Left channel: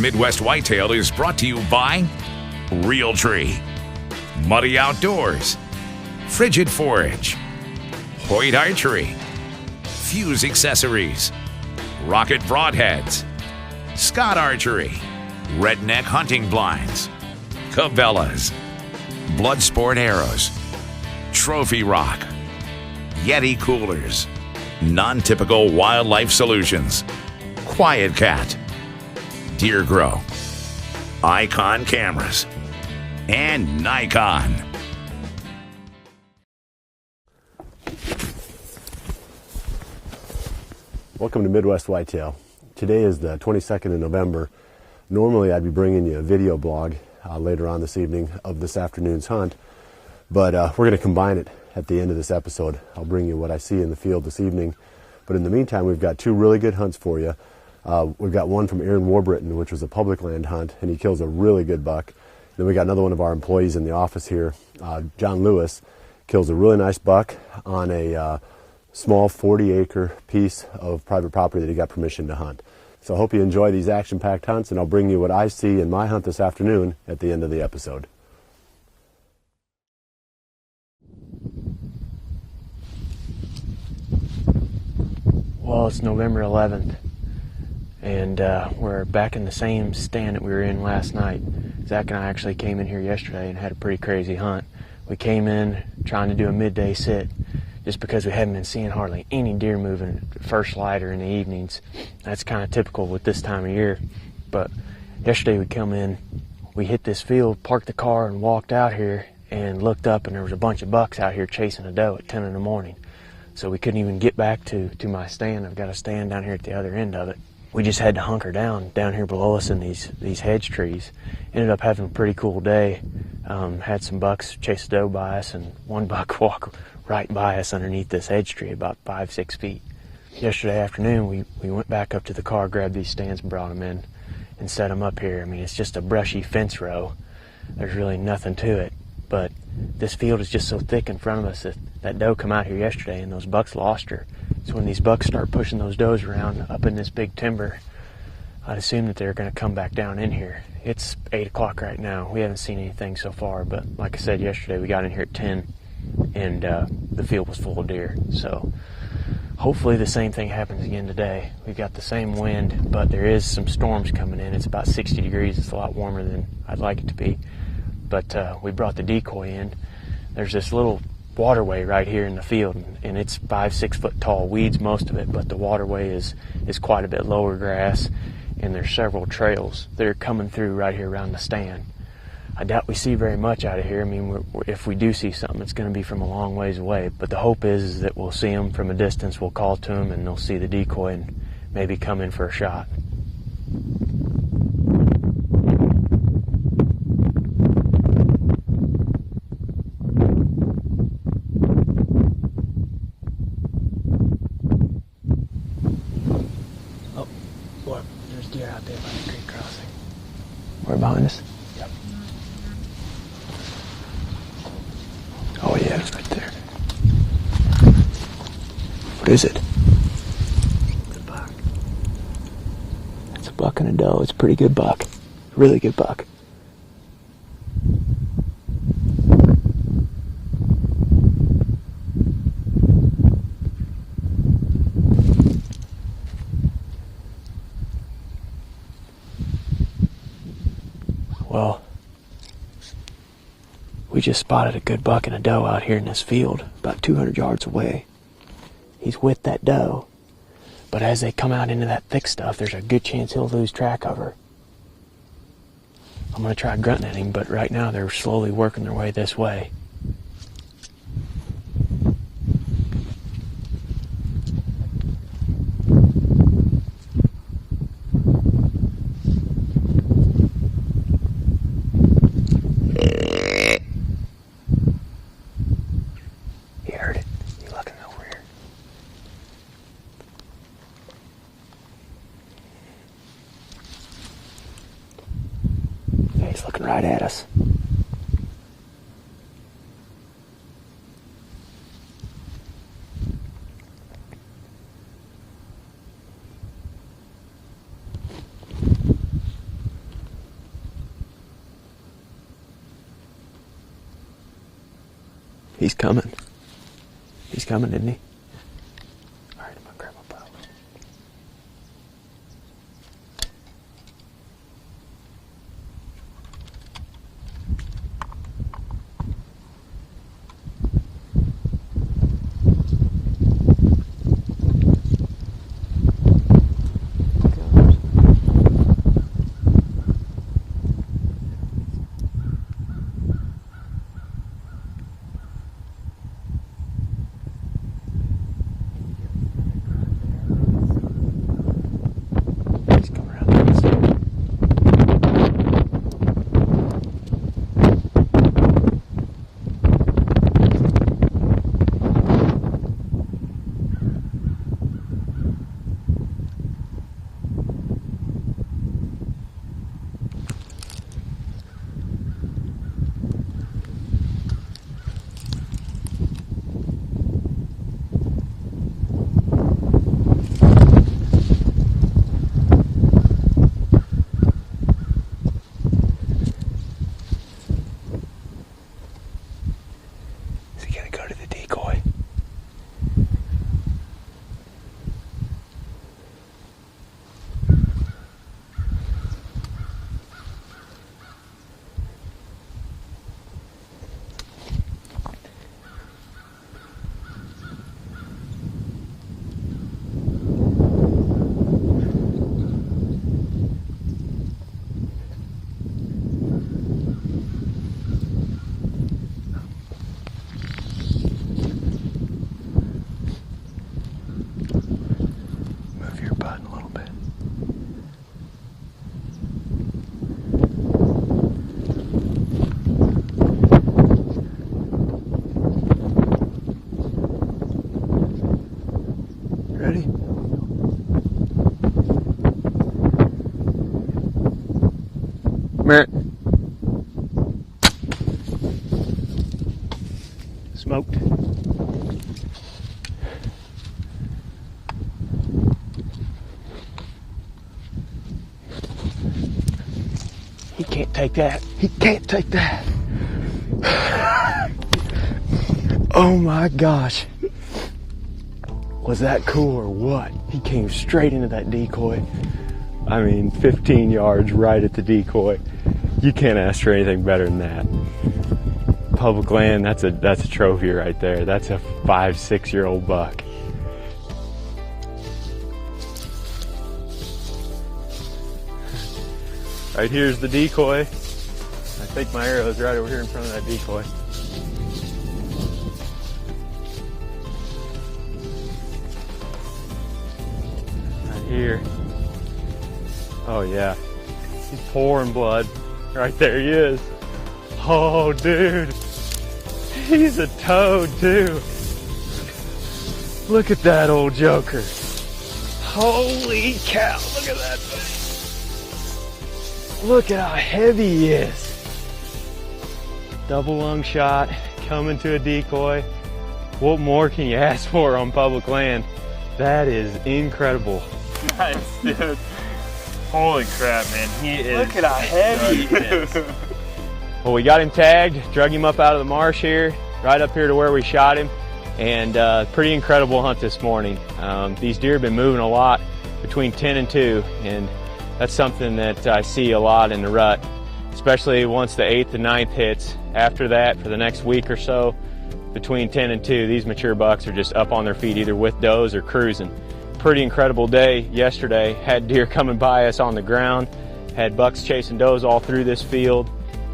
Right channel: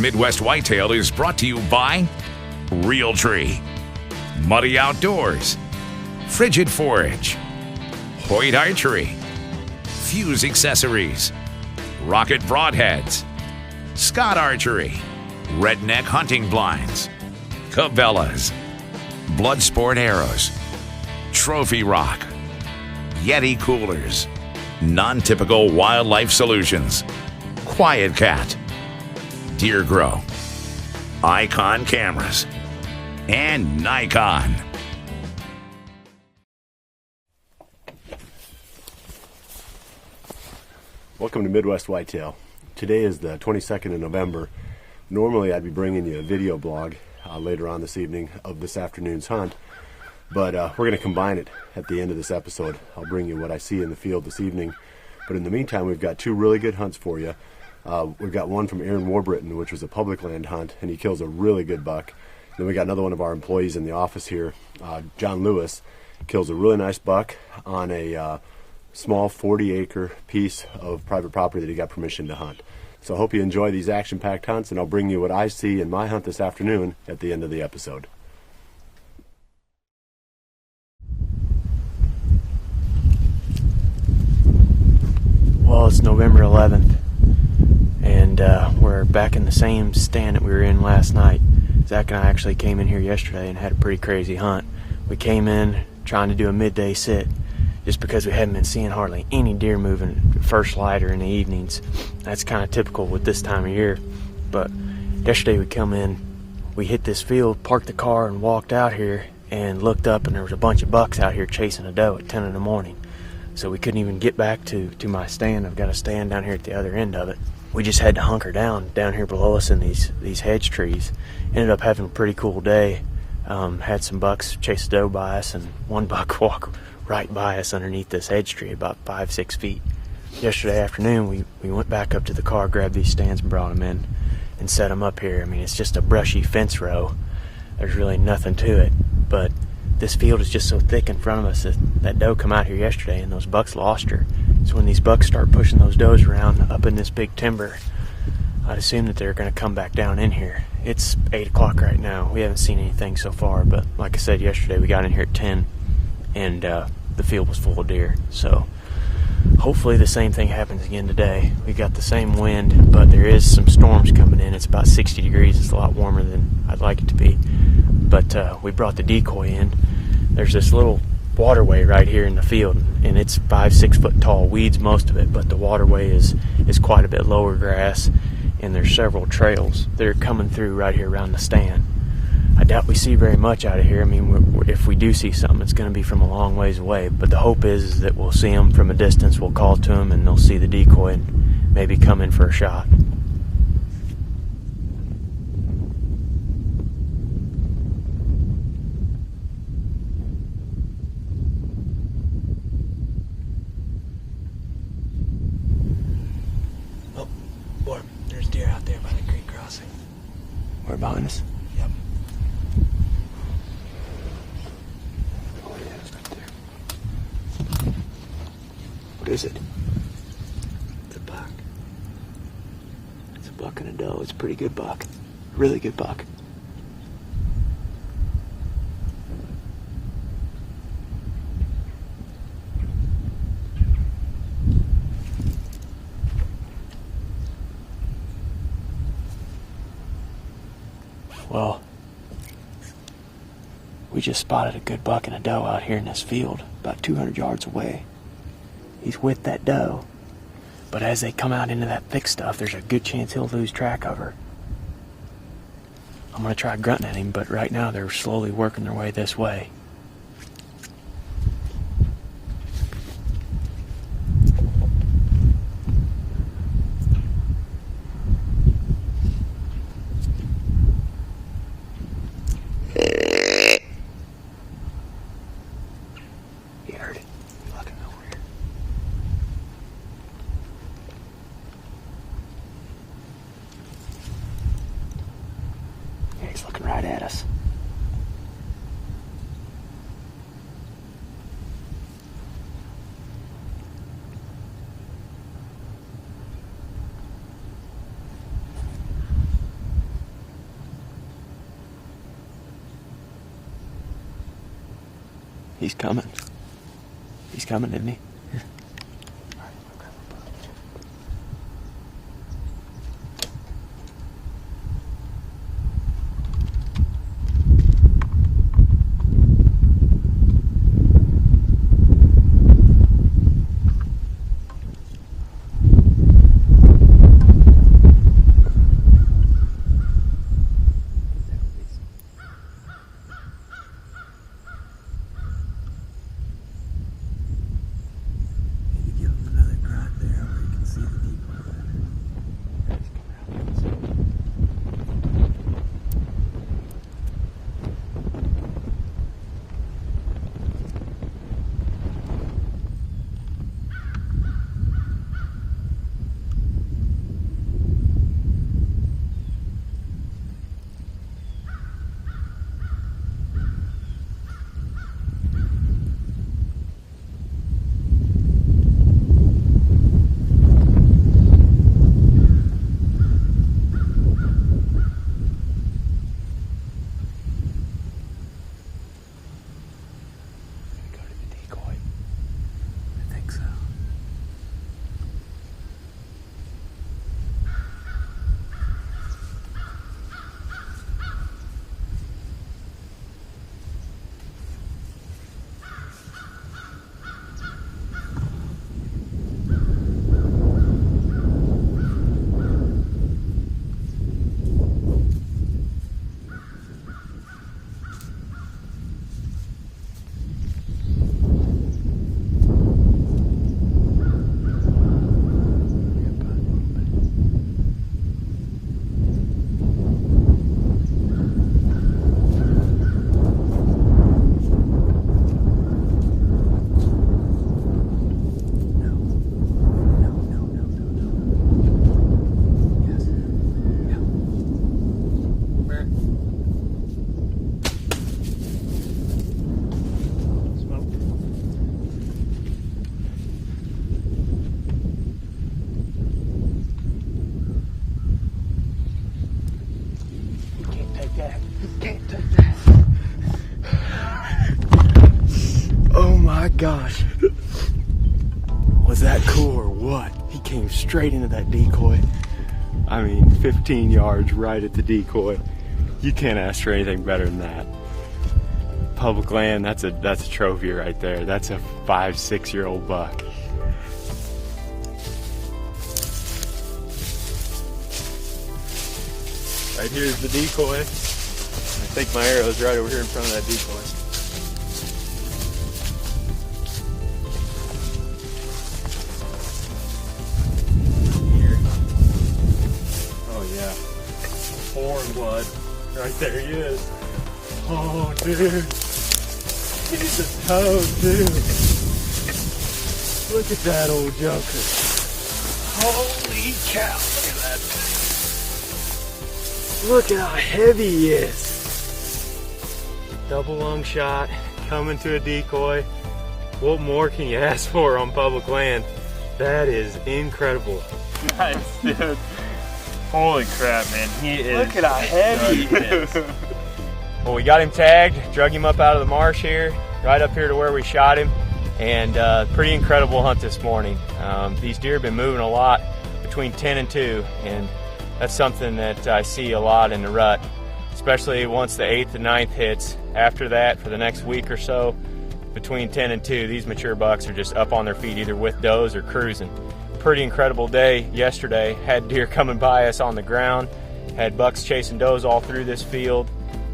Midwest Whitetail is brought to you by Realtree, Muddy Outdoors, Frigid Forage, Hoyt Archery, Fuse Accessories, Rocket Broadheads, Scott Archery, Redneck Hunting Blinds, Cabela's, Bloodsport Arrows, Trophy Rock, Yeti Coolers, Non-Typical Wildlife Solutions, Quiet Cat, Deer Grow, Icon Cameras, and Nikon. Welcome to Midwest Whitetail. Today is the 22nd of November. Normally I'd be bringing you a video blog later on this evening of this afternoon's hunt, but we're going to combine it at the end of this episode. I'll bring you what I see in the field this evening, but in the meantime we've got two really good hunts for you. We've got one from Aaron Warbritton, which was a public land hunt, and he kills a really good buck. Then we got another one of our employees in the office here, Jon Lewis, kills a really nice buck on a small 40-acre piece of private property that he got permission to hunt. So I hope you enjoy these action-packed hunts, and I'll bring you what I see in my hunt this afternoon at the end of the episode. Well, it's November 11th. And we're back in the same stand that we were in last night. Zach and I actually came in here yesterday and had a pretty crazy hunt. We came in trying to do a midday sit just because we hadn't been seeing hardly any deer moving first light or in the evenings. That's kind of typical with this time of year. But yesterday we come in, we hit this field, parked the car and walked out here and looked up, and there was a bunch of bucks out here chasing a doe at 10 in the morning. So we couldn't even get back to my stand. I've got a stand down here at the other end of it. We just had to hunker down here below us in these hedge trees. Ended up having a pretty cool day. Had some bucks chase a doe by us, and one buck walk right by us underneath this hedge tree about 5-6 feet. Yesterday afternoon we went back up to the car, grabbed these stands and brought them in and set them up here. I mean, it's just a brushy fence row. There's really nothing to it, but this field is just so thick in front of us that doe come out here yesterday and those bucks lost her. So when these bucks start pushing those does around up in this big timber, I'd assume that they're going to come back down in here. It's 8 o'clock right now. We haven't seen anything so far, but like I said yesterday, we got in here at 10 and the field was full of deer. So hopefully the same thing happens again today. We got the same wind, but there is some storms coming in. It's about 60 degrees. It's a lot warmer than I'd like it to be. But we brought the Decoy in. There's this little waterway right here in the field, and it's 5-6 foot tall, weeds most of it, but the waterway is quite a bit lower grass, and there's several trails that are coming through right here around the stand. I doubt we see very much out of here. I mean, if we do see something, it's going to be from a long ways away, but the hope is that we'll see them from a distance. We'll call to them and they'll see the decoy and maybe come in for a shot. Behind us? Yep. Oh yeah, it's right there. What is it? It's a buck. It's a buck and a doe. It's a pretty good buck. Really good buck. Well, we just spotted a good buck and a doe out here in this field, about 200 yards away. He's with that doe, but as they come out into that thick stuff, there's a good chance he'll lose track of her. I'm going to try grunting at him, but right now they're slowly working their way this way. He's looking right at us. He's coming. He's coming, isn't he? Smoked. He can't take that. He can't take that. Oh my gosh. Was that cool or what? He came straight into that decoy. I mean, 15 yards right at the decoy. You can't ask for anything better than that. Public land, that's a trophy right there. That's a 5-6-year-old buck. Right here's the decoy. I think my arrow is right over here in front of that decoy. Right here. Oh yeah. He's pouring blood. Right there he is. Oh dude. He's a toad too. Look at that old joker. Holy cow, look at that thing. Look at how heavy he is. Double lung shot, coming to a decoy. What more can you ask for on public land? That is incredible. Nice, dude. Holy crap, man. He is. Look at how heavy he is. Well, we got him tagged, drug him up out of the marsh here, right up here to where we shot him, and pretty incredible hunt this morning. These deer have been moving a lot between 10 and 2, and that's something that I see a lot in the rut, especially once the 8th and 9th hits. After that, for the next week or so, between 10 and 2, these mature bucks are just up on their feet, either with does or cruising. Pretty incredible day yesterday. Had deer coming by us on the ground, had bucks chasing does all through this field.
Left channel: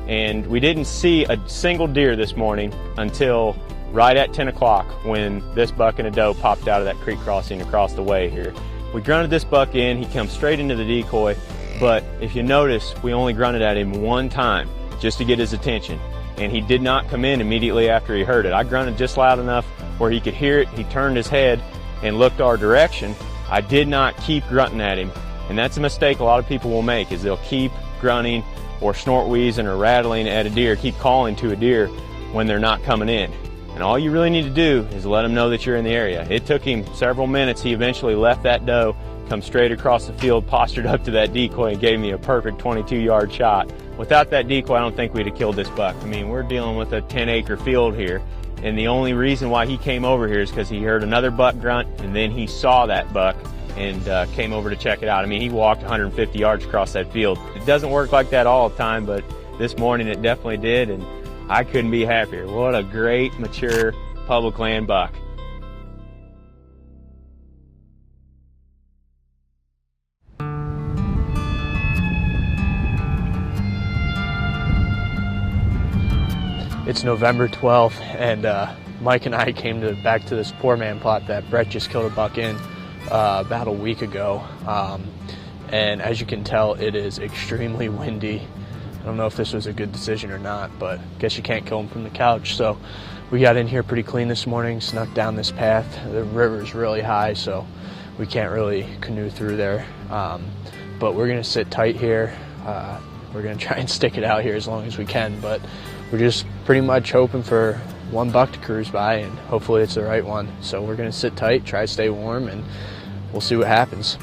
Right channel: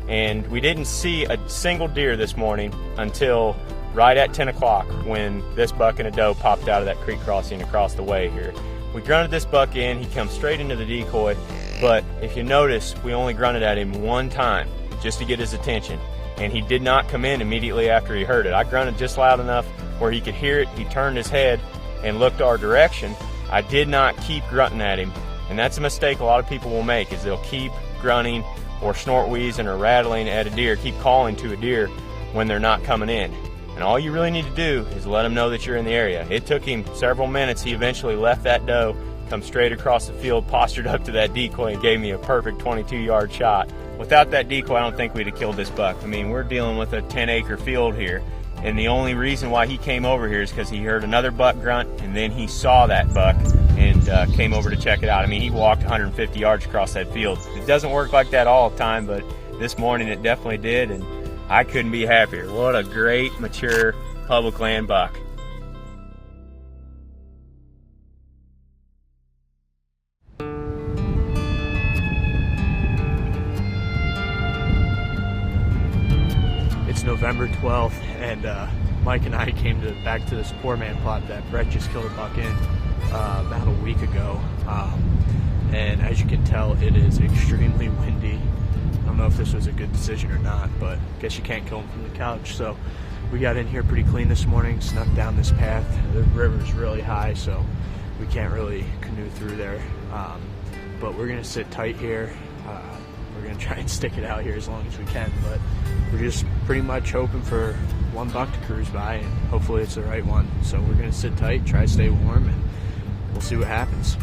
And we didn't see a single deer this morning until right at 10 o'clock when this buck and a doe popped out of that creek crossing across the way here. We grunted this buck in, he comes straight into the decoy, but if you notice, we only grunted at him one time just to get his attention. And he did not come in immediately after he heard it. I grunted just loud enough where he could hear it, he turned his head and looked our direction. I did not keep grunting at him, and that's a mistake a lot of people will make, is they'll keep grunting or snort wheezing or rattling at a deer, keep calling to a deer when they're not coming in. And all you really need to do is let them know that you're in the area. It took him several minutes. He eventually left that doe, come straight across the field, postured up to that decoy, and gave me a perfect 22-yard shot. Without that decoy, I don't think we'd have killed this buck. I mean, we're dealing with a 10-acre field here, And the only reason why he came over here is because he heard another buck grunt, and then he saw that buck and came over to check it out. I mean, he walked 150 yards across that field. It doesn't work like that all the time, but this morning it definitely did, and I couldn't be happier. What a great, mature public land buck. It's November 12th, and Mike and I came back to this poor man plot that Brett just killed a buck in about a week ago. And as you can tell, it is extremely windy. I don't know if this was a good decision or not, but I guess you can't kill them from the couch. So we got in here pretty clean this morning, snuck down this path. The river's really high, so we can't really canoe through there. But we're gonna sit tight here. We're gonna try and stick it out here as long as we can, but we're just pretty much hoping for one buck to cruise by, and hopefully it's the right one. So we're gonna sit tight, try to stay warm, and we'll see what happens.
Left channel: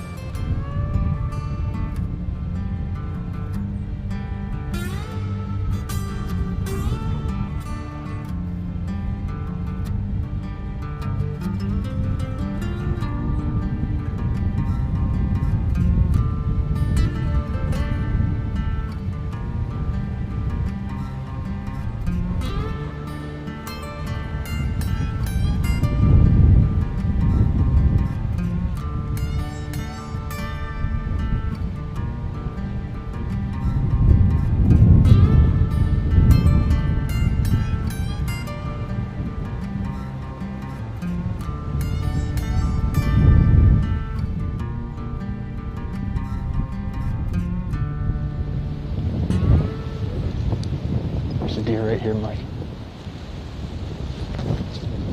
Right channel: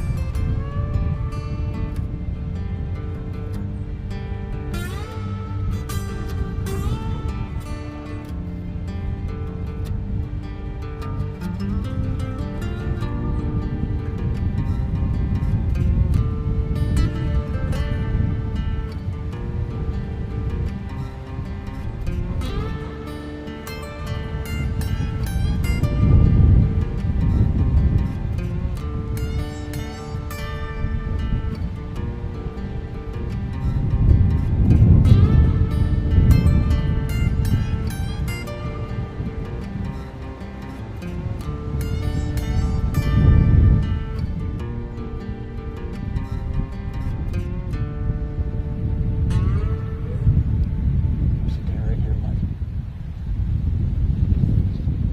Deer right here, Mike.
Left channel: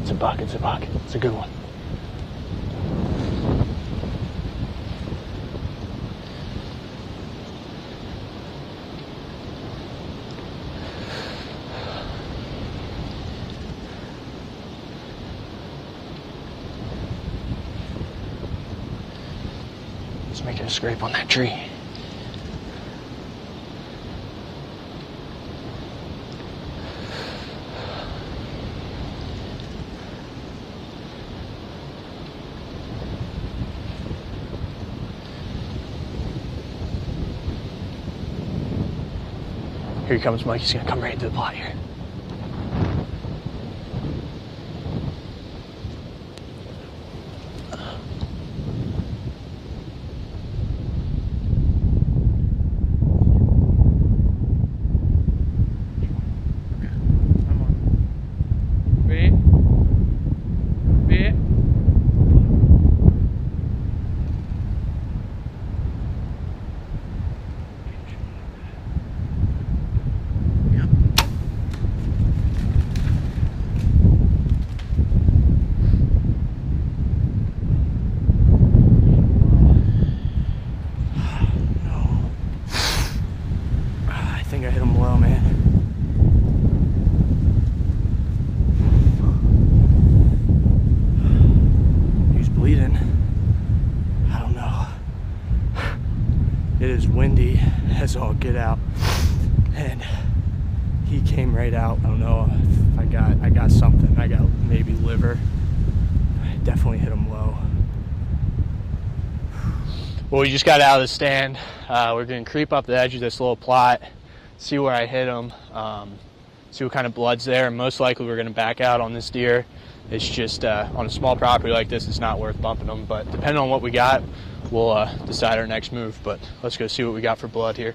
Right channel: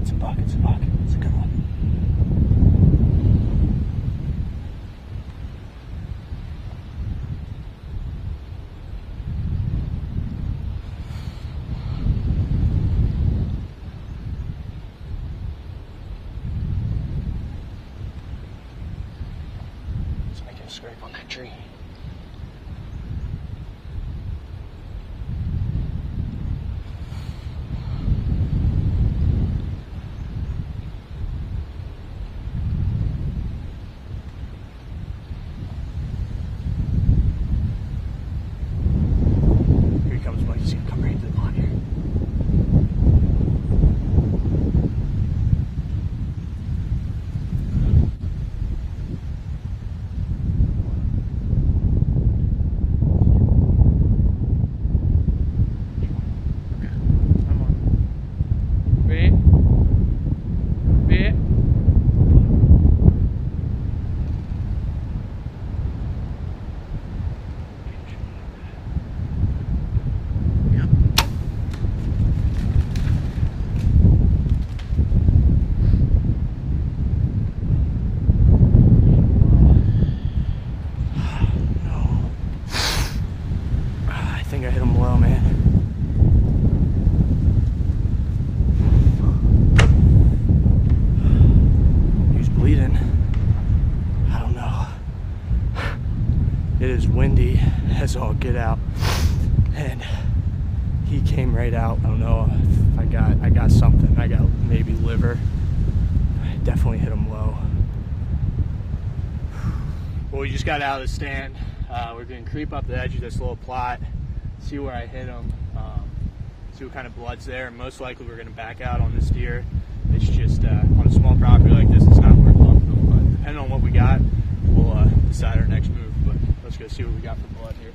It's a buck, it's a buck. It's a good one. Let's make it a scrape on that tree. Here he comes, Mike. He's gonna come right into the plot here. Windy as all get out, and he came right out. I don't know if I got something. I got maybe liver. I definitely hit him low. Well, we just got out of the stand. We're gonna creep up the edge of this little plot, see where I hit him, see what kind of blood's there, and most likely we're gonna back out on this deer. It's just on a small property like this, it's not worth bumping them, but depending on what we got, we'll decide our next move. But let's go see what we got for blood here.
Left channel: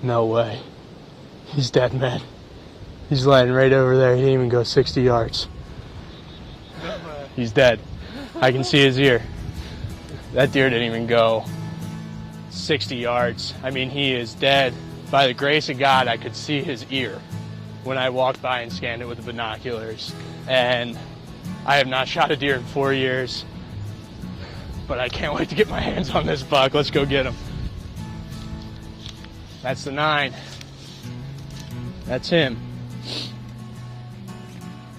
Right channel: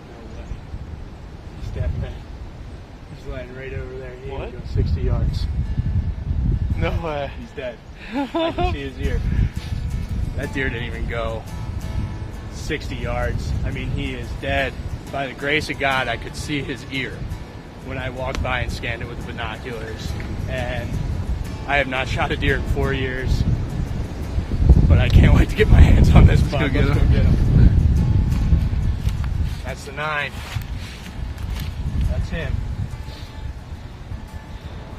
No way. He's dead, man. He's lying right over there. He didn't even go 60 yards. No way. He's dead. I can see his ear. That deer didn't even go 60 yards. I mean, he is dead. By the grace of God, I could see his ear when I walked by and scanned it with the binoculars. And I have not shot a deer in 4 years, but I can't wait to get my hands on this buck. Let's go get him. That's the 9. That's him.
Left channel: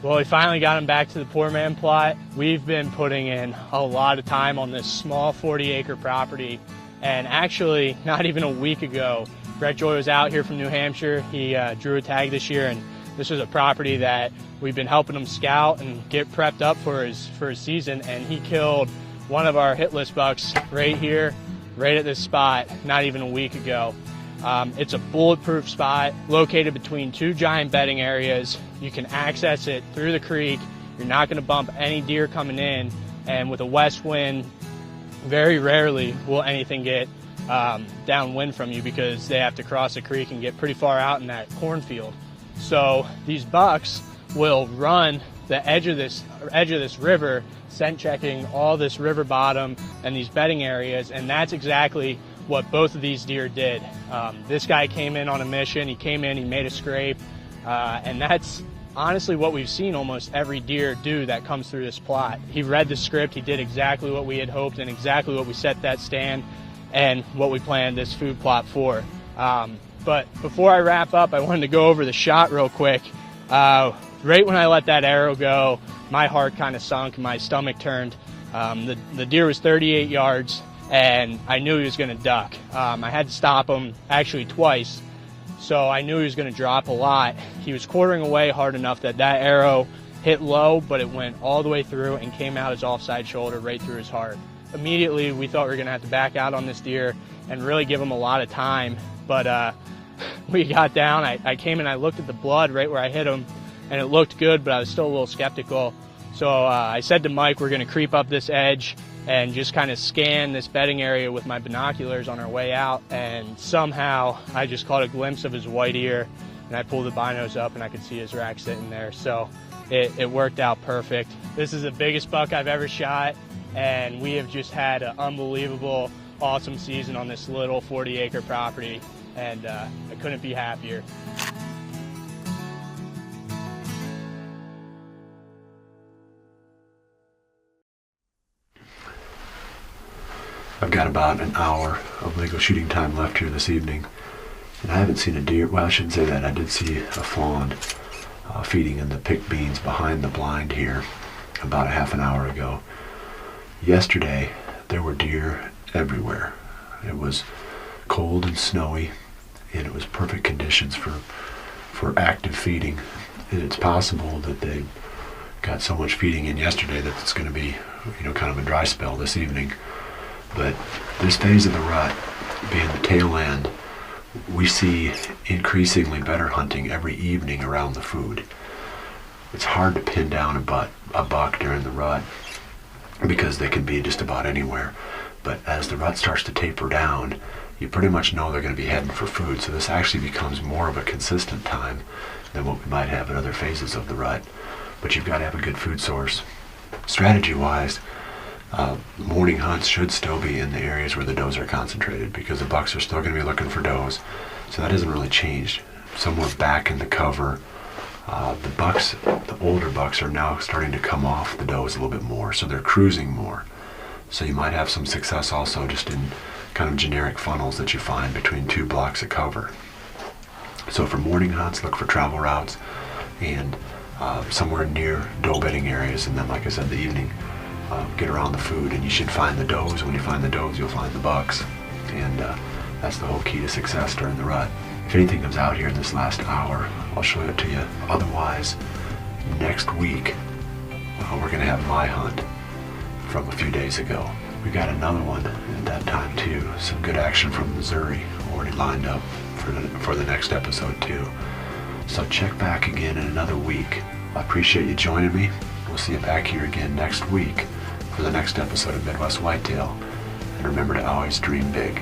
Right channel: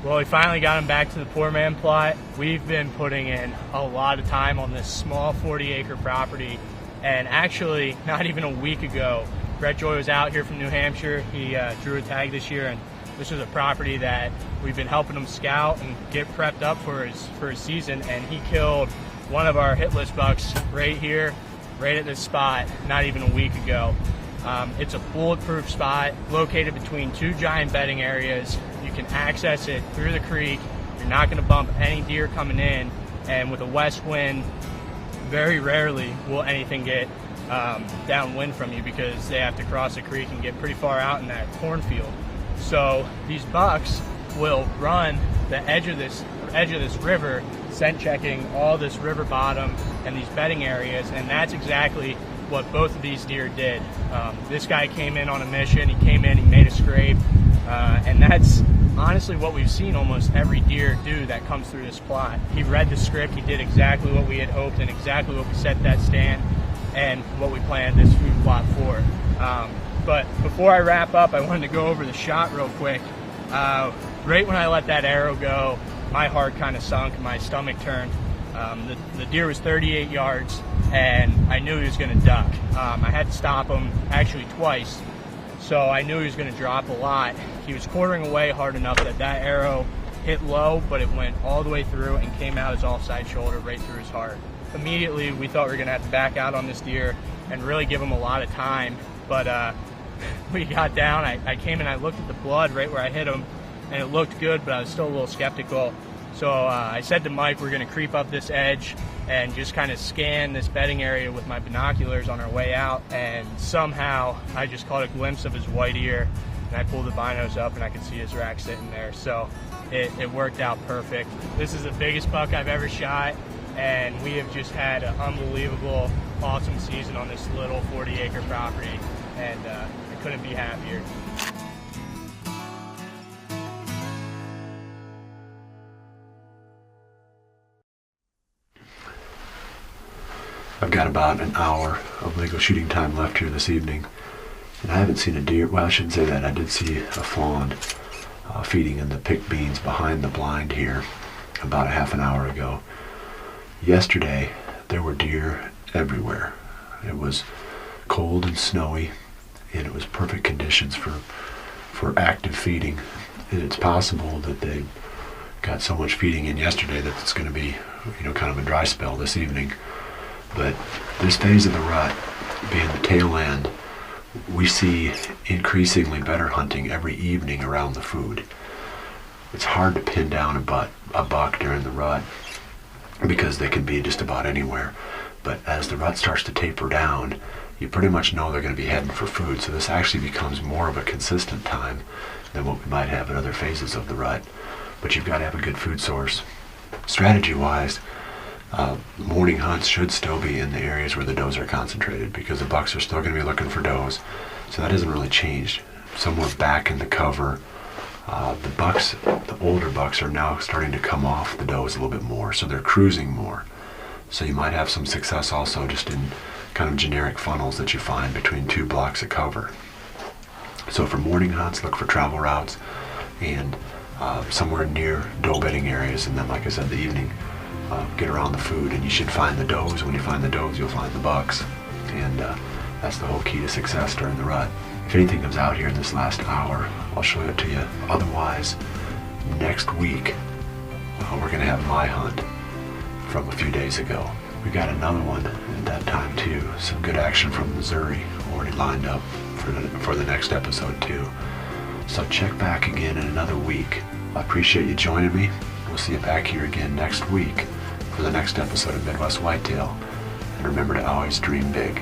Well, we finally got him back to the poor man plot. We've been putting in a lot of time on this small 40-acre property, and actually, not even a week ago, Brett Joy was out here from New Hampshire. He drew a tag this year, and this is a property that we've been helping him scout and get prepped up for his season, and he killed one of our hit list bucks right here, right at this spot, not even a week ago. It's a bulletproof spot located between 2 giant bedding areas. You can access it through the creek. You're not going to bump any deer coming in, and with a west wind, very rarely will anything get downwind from you because they have to cross a creek and get pretty far out in that cornfield. So these bucks will run the edge of this river, scent checking all this river bottom and these bedding areas, and that's exactly what both of these deer did. This guy came in on a mission. He came in, he made a scrape, and that's honestly what we've seen almost every deer do that comes through this plot. He read the script, he did exactly what we had hoped and exactly what we set that stand and what we planned this food plot for. But before I wrap up, I wanted to go over the shot real quick. Right when I let that arrow go, my heart kind of sunk, my stomach turned. The deer was 38 yards, and I knew he was going to duck. I had to stop him actually twice, so I knew he was going to drop a lot. He was quartering away hard enough that arrow hit low, but it went all the way through and came out his offside shoulder right through his heart. Immediately, we thought we were going to have to back out on this deer and really give him a lot of time, but we got down. I came and I looked at the blood right where I hit him, and it looked good, but I was still a little skeptical. So I said to Mike, we're going to creep up this edge and just kind of scan this bedding area with my binoculars on our way out, and somehow I just caught a glimpse of his white ear, and I pulled the binos up and I could see his rack sitting there. So it worked out perfect. This is the biggest buck I've ever shot, and we have just had an unbelievable, awesome season on this little 40-acre property, and I couldn't be happier. I've got about an hour of legal shooting time left here this evening, and I haven't seen a deer. Well, I shouldn't say that. I did see a fawn feeding in the picked beans behind the blind here about a half an hour ago. Yesterday, there were deer everywhere. It was cold and snowy, and it was perfect conditions for active feeding. And it's possible that they got so much feeding in yesterday that it's going to be, kind of a dry spell this evening. But this phase of the rut, being the tail end, we see increasingly better hunting every evening around the food. It's hard to pin down a buck during the rut because they can be just about anywhere. But as the rut starts to taper down, you pretty much know they're going to be heading for food. So this actually becomes more of a consistent time than what we might have in other phases of the rut. But you've got to have a good food source. Strategy-wise, morning hunts should still be in the areas where the does are concentrated because the bucks are still going to be looking for does. So that hasn't really changed. Somewhere back in the cover, the older bucks are now starting to come off the does a little bit more, so they're cruising more. So you might have some success also just in kind of generic funnels that you find between 2 blocks of cover. So for morning hunts, look for travel routes and somewhere near doe bedding areas, and then, like I said, the evening, get around the food, and you should find the does. When you find the does, you'll find the bucks, and that's the whole key to success during the rut. If anything comes out here in this last hour, I'll show it to you. Otherwise, next week, we're going to have my hunt from a few days ago. We got another one at that time too. Some good action from Missouri already lined up for the next episode too. So check back again in another week. I appreciate you joining me. We'll see you back here again next week for the next episode of Midwest Whitetail. And remember to always dream big.